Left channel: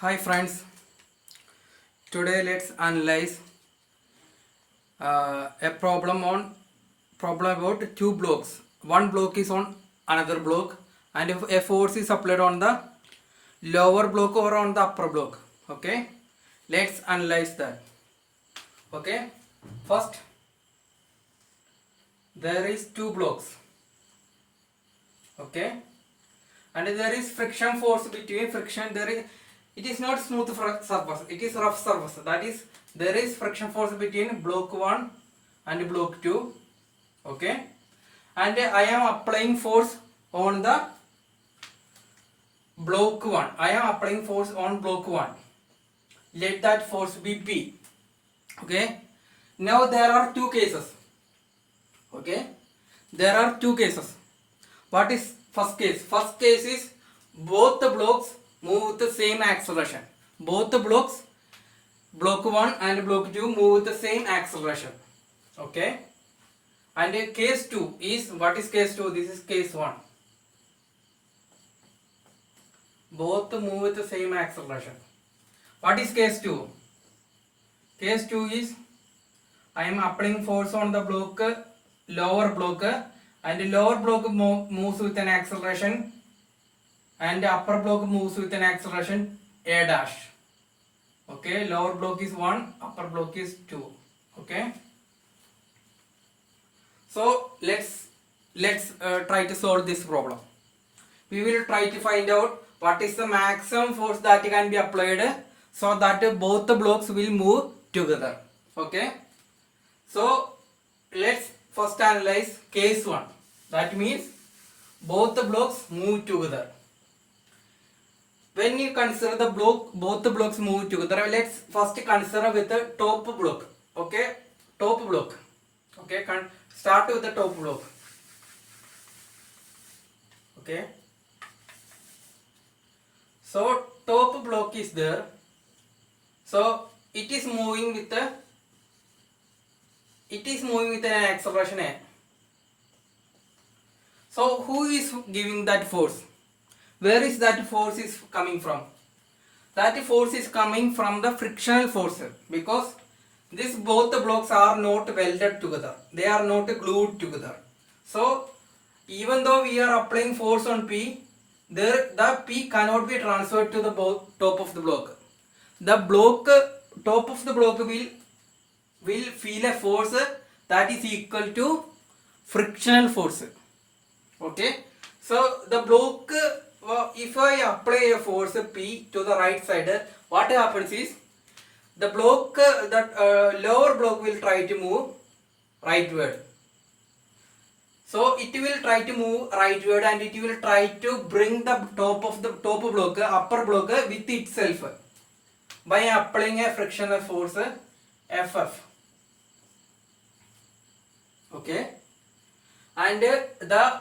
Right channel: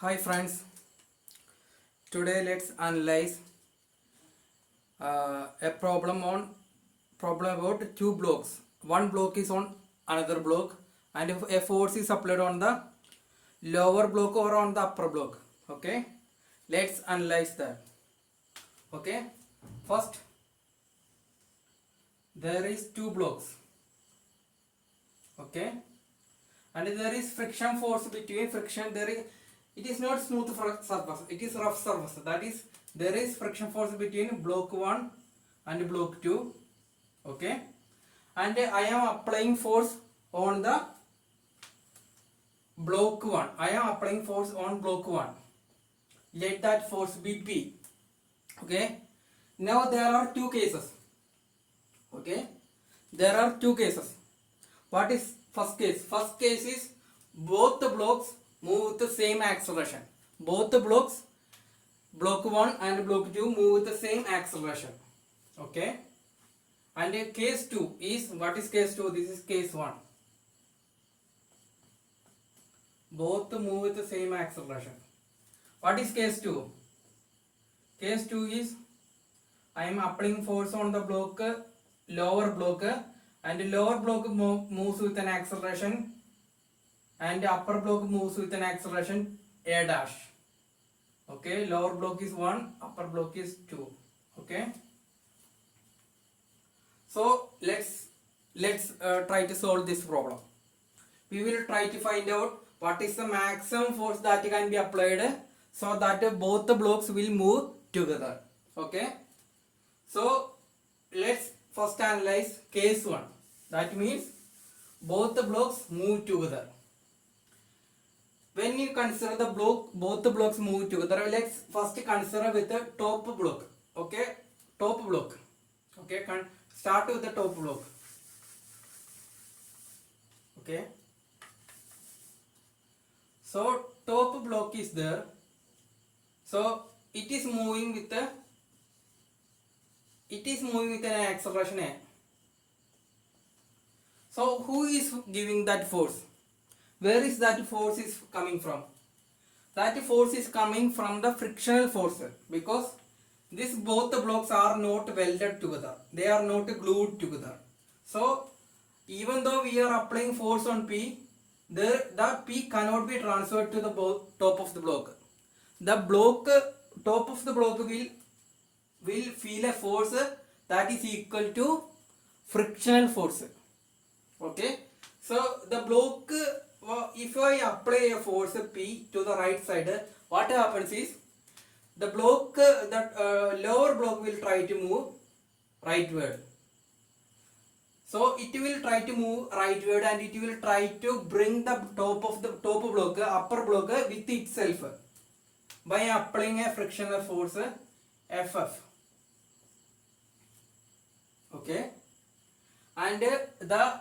Hi friends, today let's analyze a problem about two blocks. One block is on another block and if a force is applied on the lower block or on the upper block. Okay, let's analyze that. Okay, first there is two blocks. Okay, and there is friction force between friction. It is not smooth surface, it is rough surface. That is, there is friction force between block 1 and block 2. Okay, and I am applying force on the block 1. I am applying force on block 1. Let that force be P. Okay, now there are two cases. Okay, there are two cases. What is first case? First case is both the blocks move with the same acceleration. Both the blocks, block 1 and block 2, move with the same acceleration. Okay, and case 2 is, what is case 2? This is case 1. Both move with the same acceleration. What is case 2? Case 2 is I am applying force on the block, lower block, and lower block moves with an acceleration and upper block moves with an acceleration a dash. Okay, lower block is 1, upper block is 2. Okay, so let's try to solve this problem. We will try to find out what is the maximum force that can be applied so that both the blocks will move together. Okay, so let's first analyze case 1. That means both the blocks move together. When you consider the block, both the blocks move together, let's first consider with the top block. Okay, top block. Okay, start with the top block. Okay, so top block is there. So it is moving with an acceleration a. So who is giving that force? Where is that force is coming from? That force is coming from the frictional force, because both the blocks are not welded together. They are not glued together. So even though we are applying force on P, the P cannot be transferred to the top of the block. The top of the block will feel a force that is equal to frictional force. Okay, so the block, if I apply a force P to the right side, what happens is the block, lower block will try to move rightward. So it will try to move rightward and it will try to bring the top block, upper block with itself by applying a frictional force FF. Okay, and the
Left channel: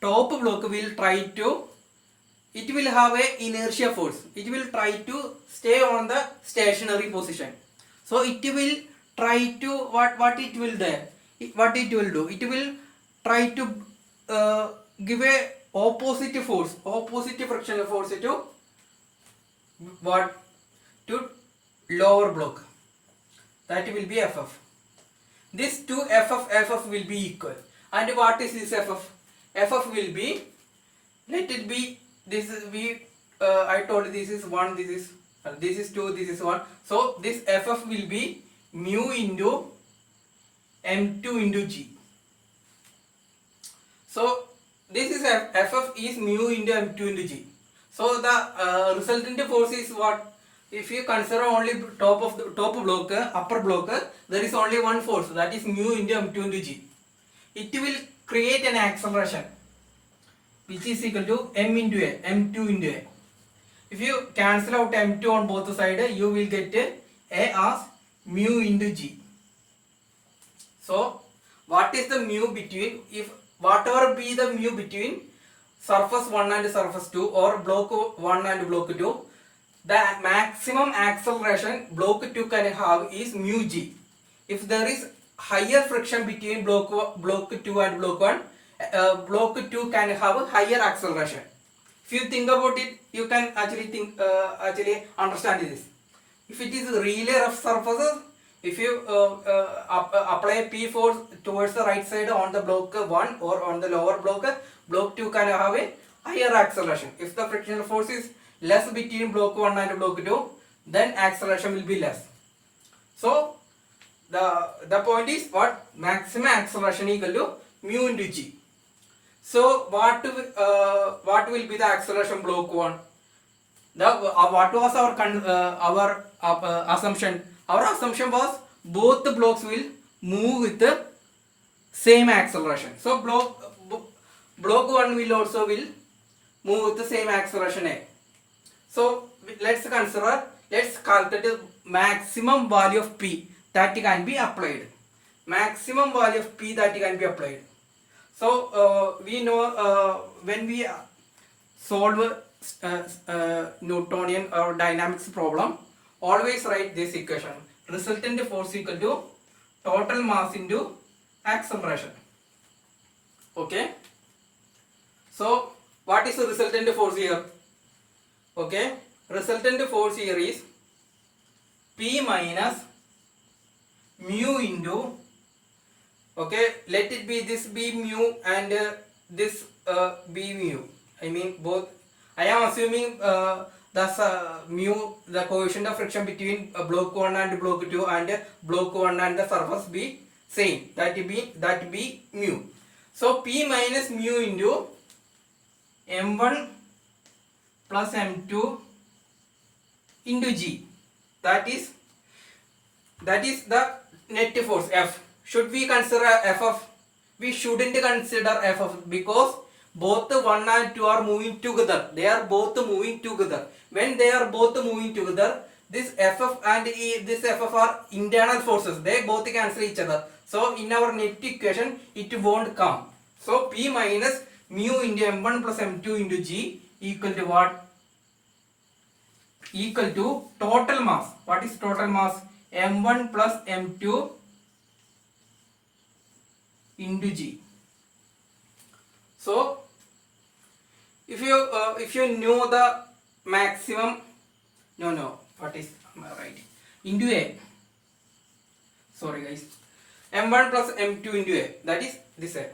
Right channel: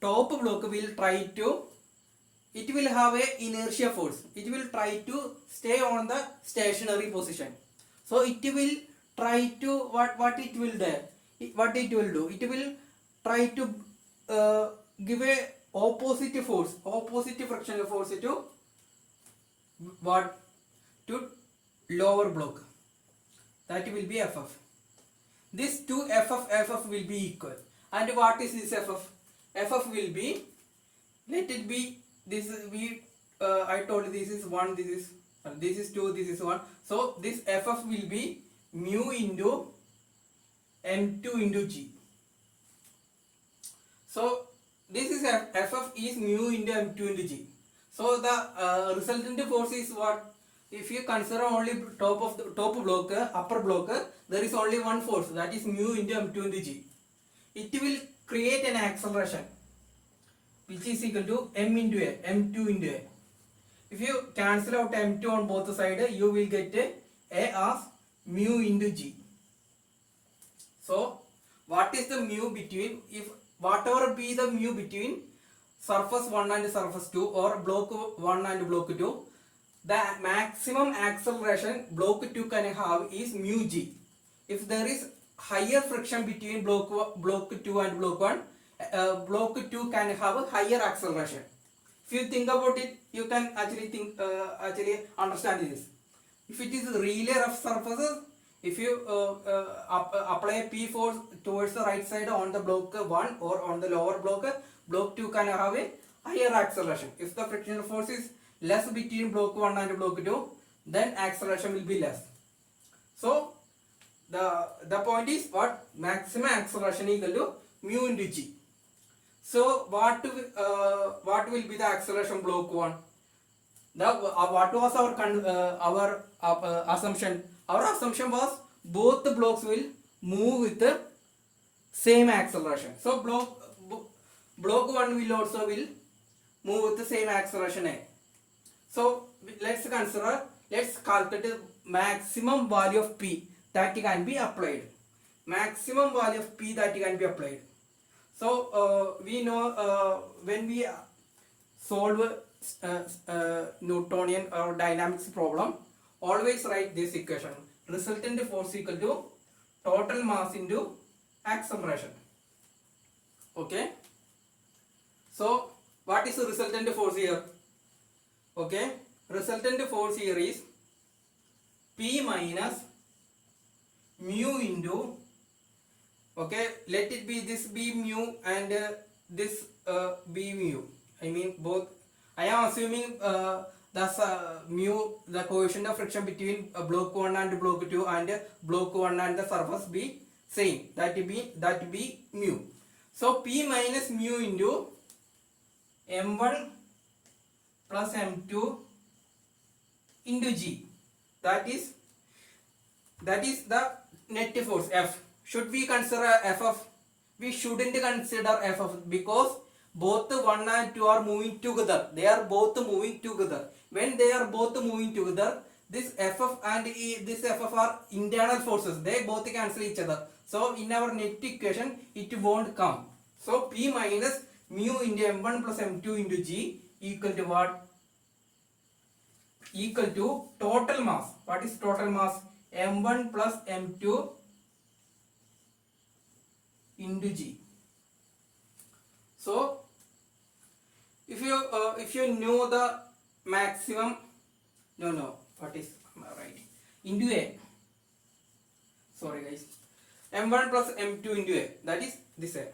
top block will try to, it will have a inertia force. It will try to stay on the stationary position. So it will try to, what it will do? It will try to give a opposite frictional force to what? To lower block. That will be FF. This two FF will be equal. And what is this FF? FF will be, let it be, this is I told this is 1, this is 2, this is 1. So this FF will be mu into M2 into G. So this is FF is mu into M2 into G. So the resultant force is what? If you consider only top block, upper block, there is only one force, that is mu into M2 into G. It will create an acceleration which is equal to M into A, M2 into A. If you cancel out M2 on both sides, you will get A as mu into G. So what is the mu between, if whatever be the mu between surface 1 and surface 2 or block 1 and block 2, the maximum acceleration block 2 can have is mu G. If there is higher friction between block 2 and block 1, block 2 can have higher acceleration. If you think about it, you can actually understand this. If it is really rough surfaces, if you apply P force towards the right side on the block 1 or on the lower block 2 can have a higher acceleration. If the frictional force is less between block 1 and block 2, then acceleration will be less. So the point is what? Maximum acceleration equal to mu into g. So what will be the acceleration block 1? What was our assumption? Our assumption was both the blocks will move with the same acceleration. So block 1 will also move with the same acceleration A. So let's calculate the maximum value of P that can be applied. Maximum value of P that can be applied. So we know when we solve Newtonian or dynamics problem, always write this equation: resultant force equal to total mass into acceleration. Okay. So what is the resultant force here? Okay, resultant force here is P minus mu into, okay, let it be this be mu and this be mu. I mean both. I am assuming mu, the coefficient of friction between block 1 and block 2 and block 1 and the surface be same. That be mu. So P minus mu into m1 plus m2 into g. That is the net force F. Should we consider F of? We shouldn't consider F of, because both 1 and 2 are moving together. They are both moving together. When they are both moving together, this Ff and this Ff are internal forces. They both cancel each other. So in our net equation, it won't come. So P minus mu into m1 plus m2 into g equal to what? Equal to total mass. What is total mass? m1 plus m2 into g. So if you know the maximum, what is right, into a, sorry guys, m1 plus m2 into a, that is this a.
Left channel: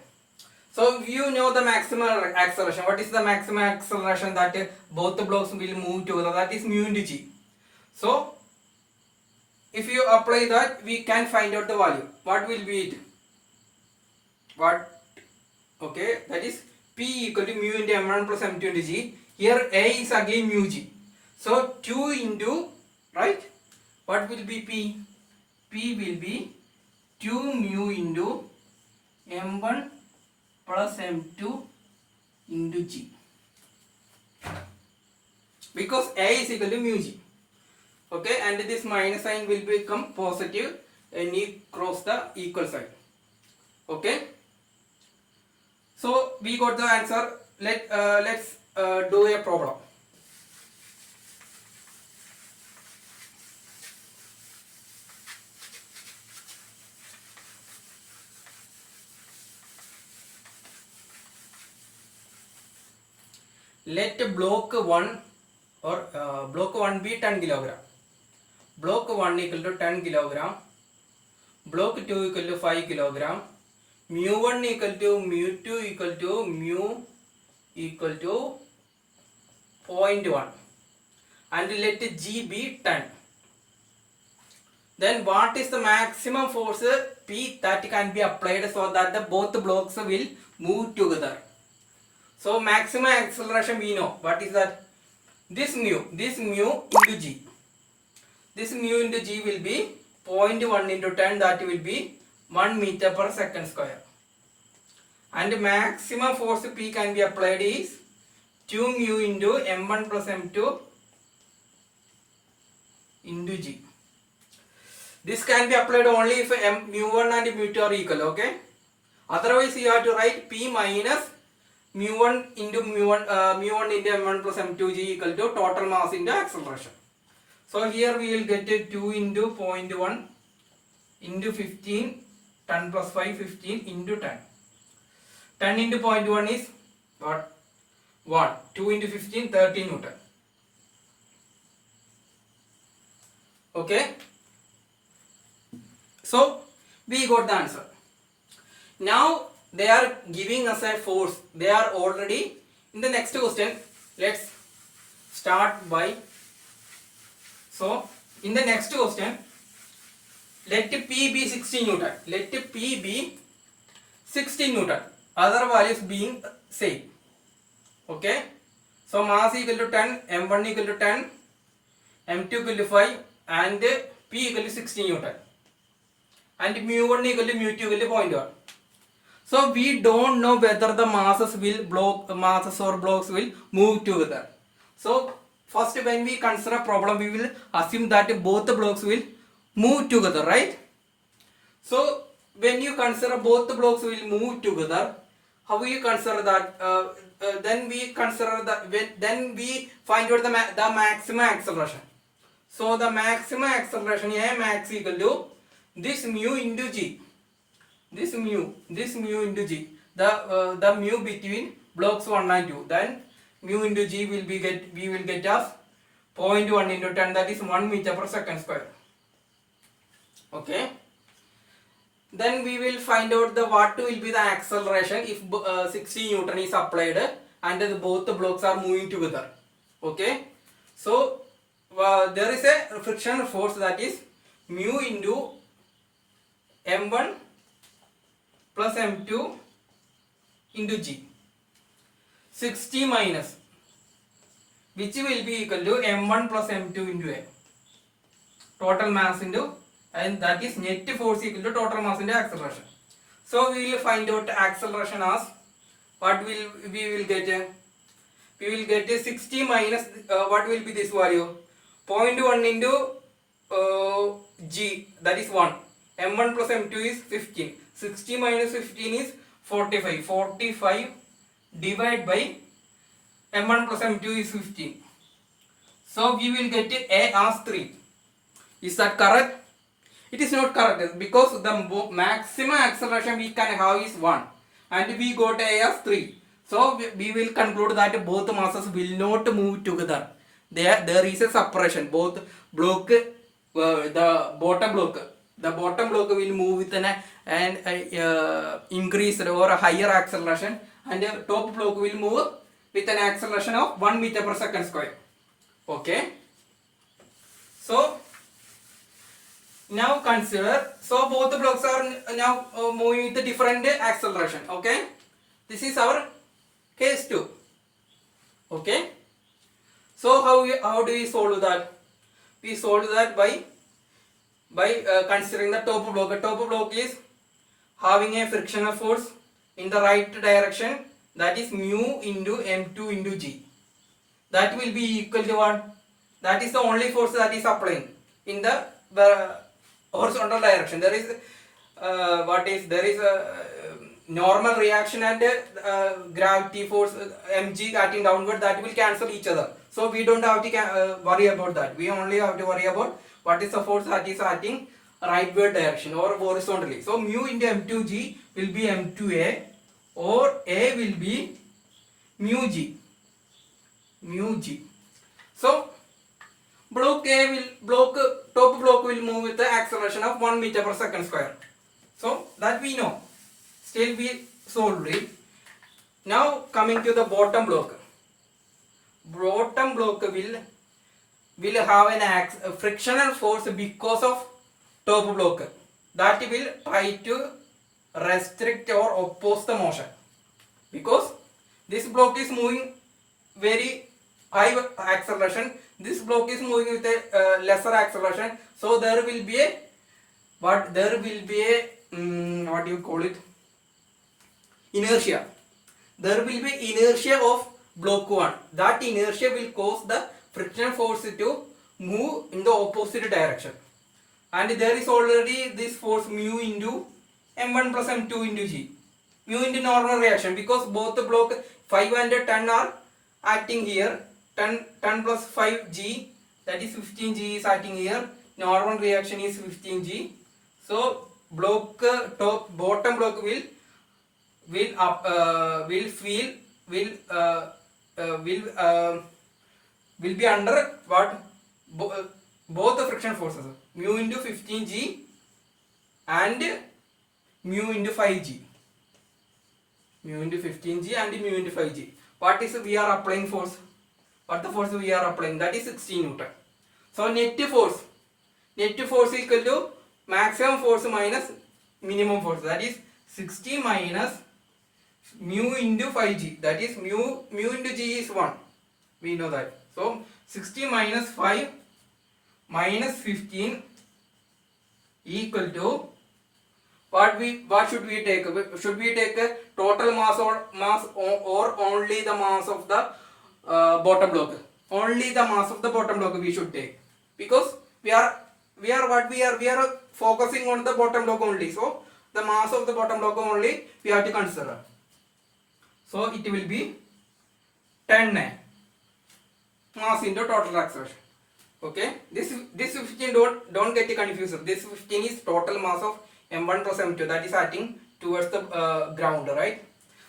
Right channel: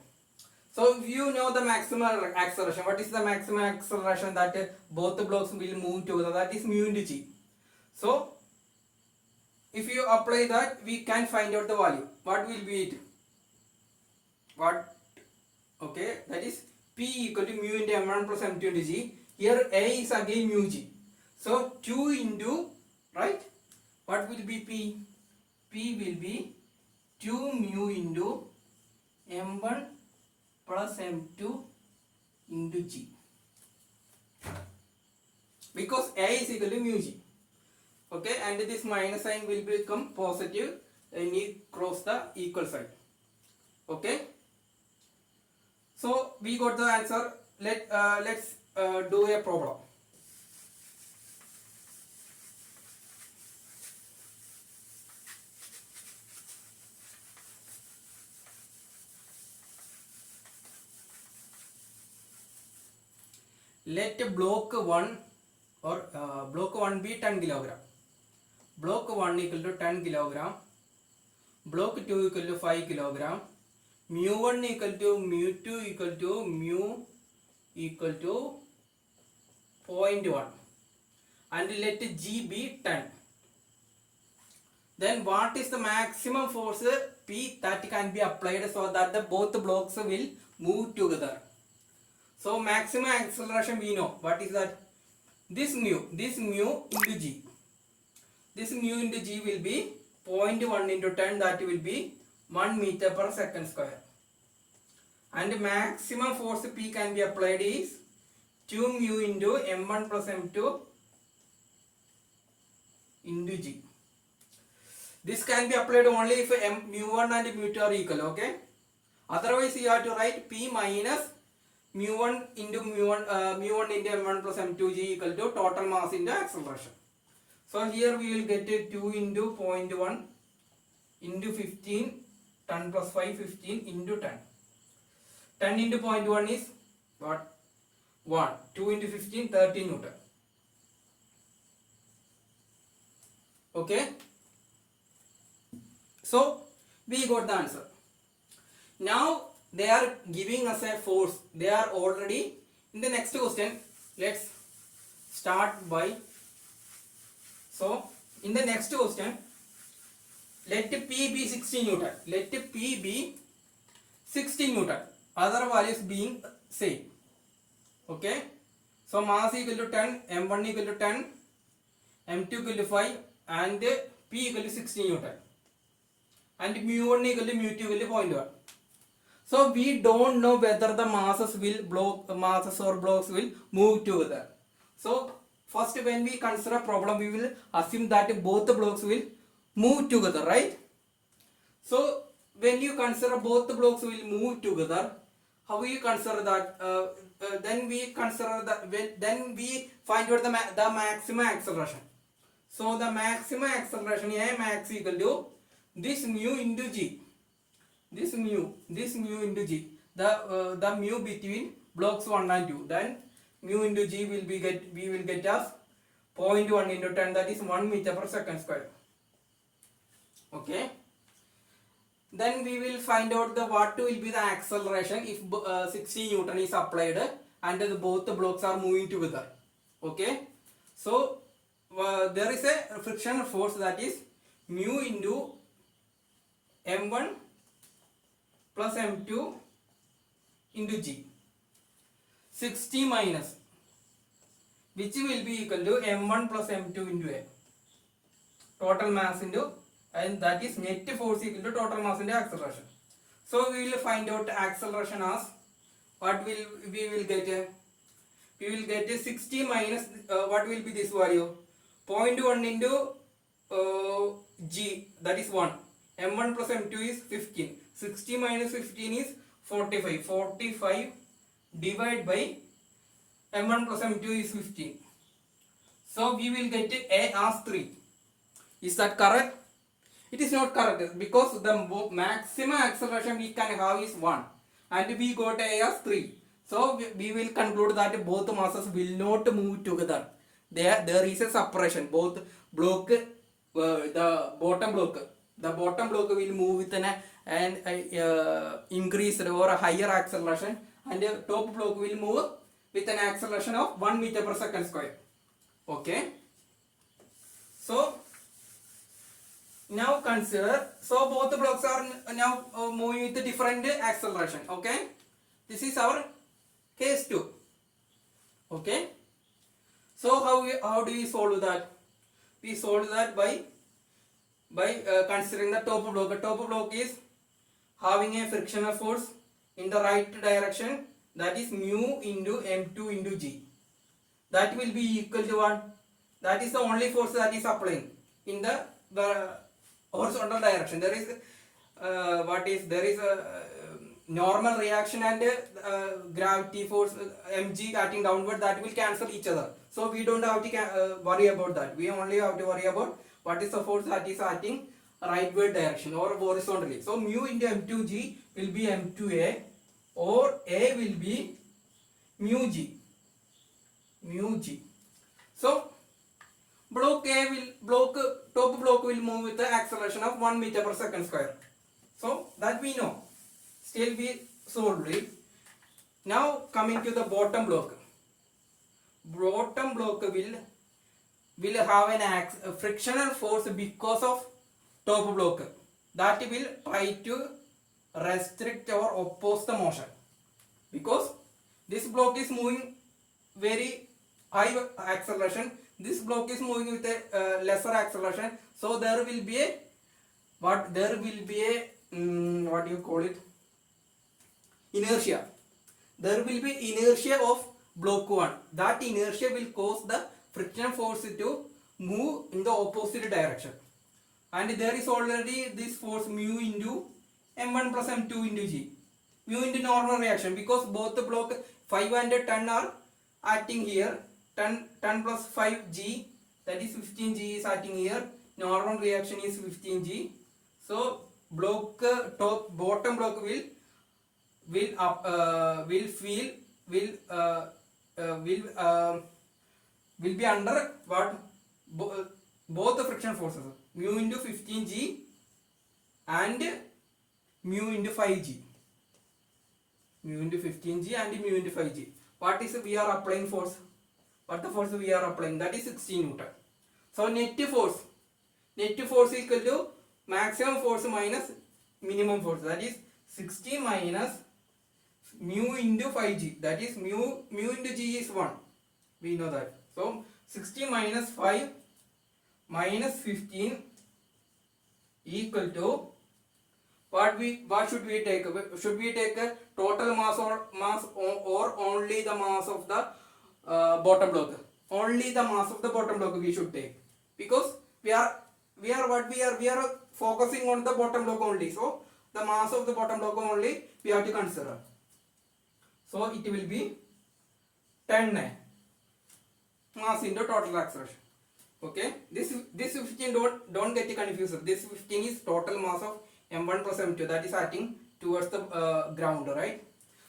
So if you know the maximum acceleration, what is the maximum acceleration that both the blocks will move together? That is mu into g. So if you apply that, we can find out the value. What will be it? What? Okay, that is P equal to mu into m1 plus m2 into g. Here A is again mu g. So 2 into, right? What will be P? P will be 2 mu into m1 plus m2 into g. Because A is equal to mu g. Okay, and this minus sign will become positive and you cross the equal sign. Okay. So we got the answer. Let's do a problem. Let block 1 or block 1 be 10 kilogram. Block 1 equal to 10 kilogram. Block 2 equal to 5 kilogram. Mu 1 equal to mu 2 equal to mu equal to 0.1, and let G be 10. Then what is the maximum force P that can be applied so that both blocks will move together? So maximum acceleration we know. What is that? This mu into G. This mu into G will be 0.1 into 10, that will be 1 meter per second square. And maximum force P can be applied is 2 mu into m1 plus m2 into G. This can be applied only if mu1 and mu2 are equal, okay? Otherwise you have to write P minus mu1 into mu1 into m1 plus m2 g equal to total mass into acceleration. So here we will get 2 into 0.1 into 15, 10 plus 5, 15 into 10. 10 into 0.1 is what? 1. 2 into 15, 30 Newton. Okay. So we got the answer. Now they are giving us a force. They are already in the next question. Let's start by. So in the next question, let P be 60 Newton. Let P be 60 Newton. Other values being same. Okay. So mass equal to 10, M1 equal to 10, M2 equal to 5, and P equal to 60 Newton. And mu1 equal to mu2 equal to 0.1. So we don't know whether the masses or blocks will move together. So first, when we consider a problem, we will assume that both the blocks will move together, right? So when you consider both the blocks will move together, how will you consider that? Then we consider that. Then we find out the maximum acceleration. So the maximum acceleration A max equal to this mu into g. This mu into g. The mu between blocks 1 and 2. Then mu into g we will get as 0.1 into 10, that is 1 meter per second square. Okay. Then we will find out what will be the acceleration if 60 Newton is applied and both the blocks are moving together. Okay. So there is a frictional force, that is mu into m1 plus m2 into g. 60 minus, which will be equal to m1 plus m2 into a. Total mass into, and that is net force equal to total mass into acceleration. So we will find out acceleration as what we will get. We will get 60 minus what will be this value? 0.1 into g, that is 1. m1 plus m2 is 15. 60 minus 15 is 45. 45 divided by m1 plus m2 is 15. So we will get a as 3. Is that correct? It is not correct, because the maximum acceleration we can have is 1 and we got a as 3. So we will conclude that both masses will not move together. There is a separation. Both block, the bottom block will move with an increased or a higher acceleration, and the top block will move with an acceleration of 1 meter per second square. Okay. So now consider, so both the blocks are now moving with a different acceleration. Okay. This is our case 2. Okay. So how do we solve that? We solve that by considering the top block. The top block is having a frictional force in the right direction, that is mu into m2 into g. That will be equal to what? That is the only force that is applying in the horizontal direction. There is there is a normal reaction and gravity force mg acting downward, that will cancel each other. So we don't have to worry about that. We only have to worry about what is the force that is acting rightward direction or horizontally. So mu into m2g will be m2a, or a will be mu g. So top block will move with the acceleration of 1 meter per second square. So that we know. Still we solved it. Now coming to the bottom block. Bottom block will have a frictional force because of top block. That will try to restrict or oppose the motion, because this block is moving very high acceleration, this block is moving with a lesser acceleration. So there will be a what do you call it, inertia. There will be inertia of block 1. That inertia will cause the frictional force to move in the opposite direction, and there is already this force mu into m1 plus m2 into g. Mu into normal reaction, because both the block 5 and 10 are acting here. 10 plus 5g, that is 15g is acting here. Normal reaction is 15g. So bottom block will will be under what, both the friction forces, mu into 15g and mu into 5g, mu into 15g and mu into 5g. What is we are applying force? What the force we are applying? That is 16 Newton. So net force equal to maximum force minus minimum force, that is 60 minus mu into 5g, that is mu into g is 1, we know that. So 60 minus 5 minus 15 equal to what should we take? Should we take a total mass or only the mass of the bottom block? Only the mass of the bottom block we should take, because we are focusing on the bottom block only. So the mass of the bottom block only we have to consider. So it will be 10 mass into total acceleration. Okay, this 15 don't get confused. This 15 is total mass of m1 plus m2, that is acting towards the ground, right?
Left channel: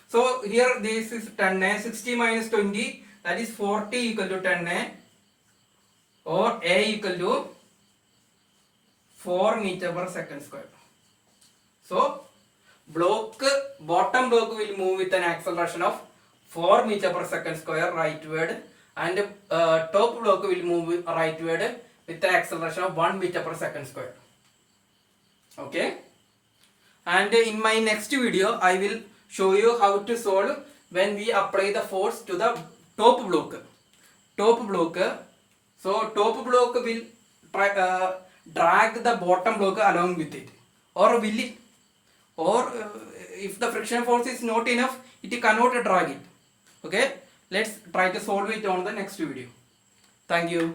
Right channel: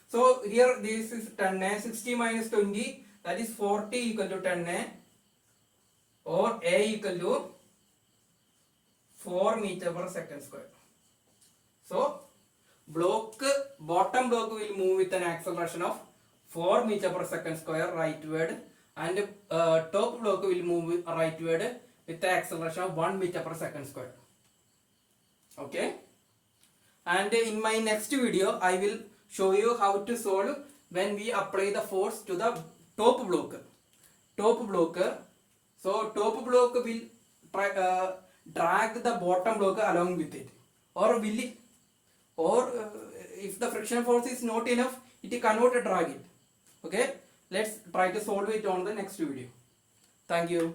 So here this is 10 60 minus 20, that is 40 equal to 10 or a equal to 4 meter per second square. So bottom block will move with an acceleration of 4 meter per second square rightward, and top block will move rightward with an acceleration of 1 meter per second square. Okay, and in my next video I will show you how to solve when we apply the force to the top block. So top block will drag the bottom block along with it, or will it, or if the friction force is not enough, it cannot drag it. Okay, let's try to solve it on the next video. Thank you.